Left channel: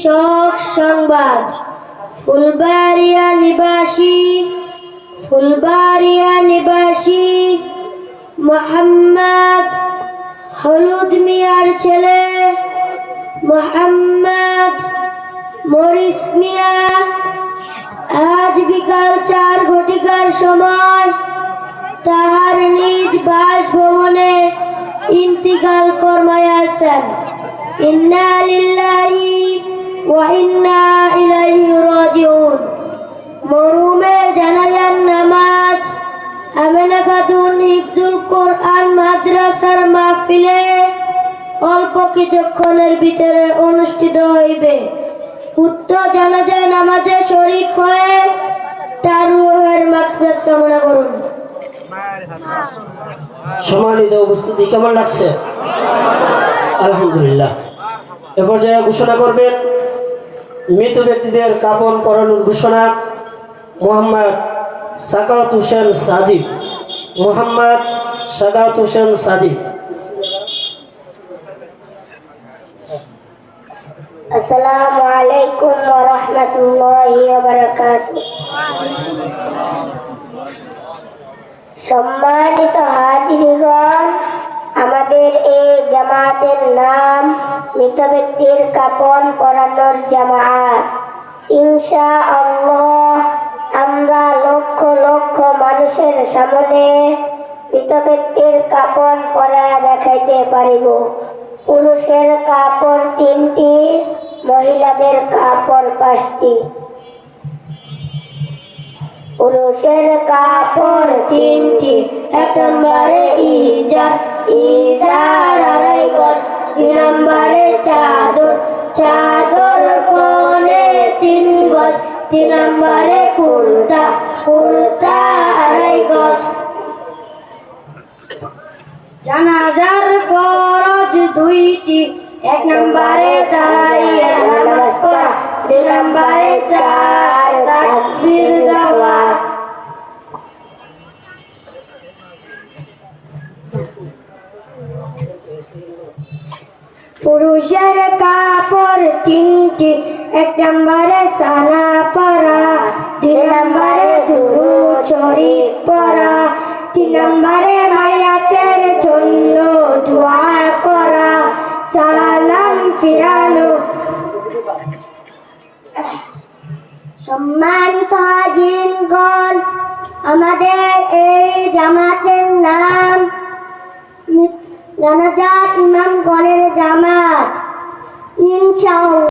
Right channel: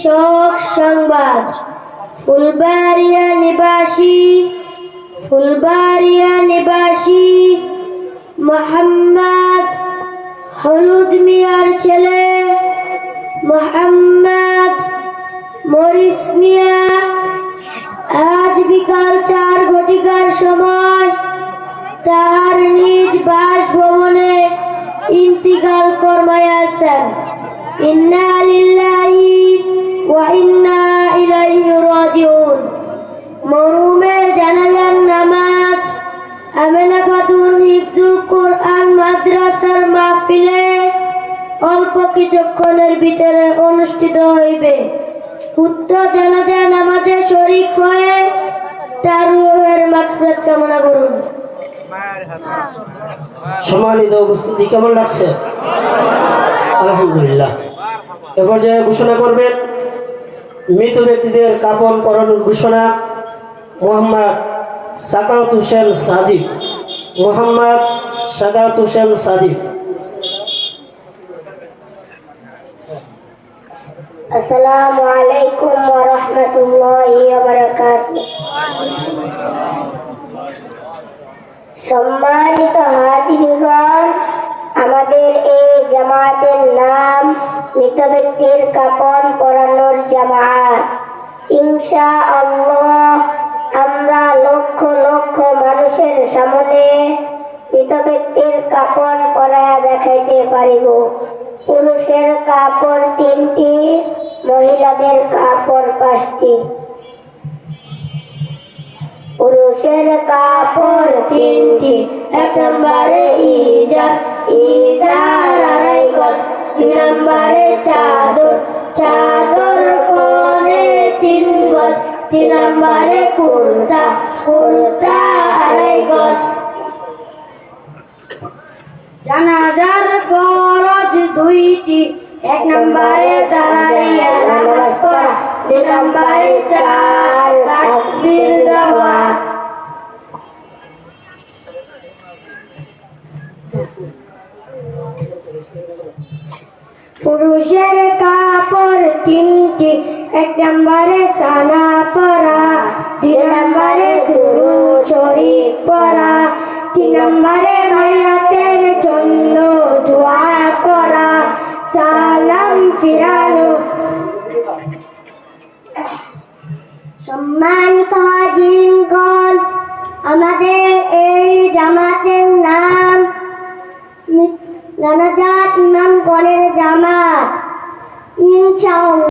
শোক সংবাদ। ফুলবাড়িয়া নিবাসী মোহাম্মদ হলুদ মিয়ার ছেলে মোহাম্মদ মরিস মিয়া আজ বিকাল 4 ঘটিকার সময় তাহার নিজ বাসভবনে ইন্তিকাল ফরমাইয়াছেন। ইন্না লিল্লাহি ওয়া ইন্না ইলাইহি রাজিউন। মরহুমের জানাজার নামাজ আমেনা খাতুন হিফজুল কোরআন মাদ্রাসার মাহফিলে অল্প কিছুক্ষণের ভিতরে অনুষ্ঠিত হইবে। উক্ত জানাজা নামাজে শরীক হয়ে তার রূহের মাগফিরাত কামনা করুন। সম্মানিত উপস্থিতি, কেমন লাগছে? আলহামদুলিল্লাহ। এ পর্যায়ে ঘোষণা করবেন মৃত ব্যক্তিদের কাফন পরানোর ঘোষণা। মোহাম্মদ সাকাত হোসেন সাজিদ। আসসালামু আলাইকুম ওয়া রাহমাতুল্লাহি ওয়া বারাকাতুহু। সম্মানিত হাজিরগণ, আমাদের এই জামাতের নাম মৃত ব্যক্তির কাফন পরানোর জামাত। ইনশাআল্লাহ আমরা লক্ষ লক্ষ মানুষের সামনে মৃত ব্যক্তির কাফন পরা দেখাইতে পারিব। পুরুষের কাপড় 3টি, মহিলাদের কাপড় 5টি। পুরুষের কাপড় 3টি। 1 নম্বরে ইজার 2.5 গজ। 2 নম্বরে চাদর পরে 3 গজ। 3 নম্বরে কুর্তা 2.5 গজ। জানাজার ফরজ 2টি। 1 নম্বরে দাঁড়াইয়া নামাজ পড়া। 2 নম্বরে 4 তাকবীর দেওয়া। পুরুষের কাপড় 3টি। 1 নম্বরে সানা পরা। 2 নম্বরে দুরূদ শরীফ পড়া। 3 নম্বরে মায়াতের জন্য দোয়া করা, সালাম ফিরানো। সম্মানিত হাজিরগণ, আমাদের এই জামাতের নাম জানাজা ইমামগণের জামাত। ইনশাআল্লাহ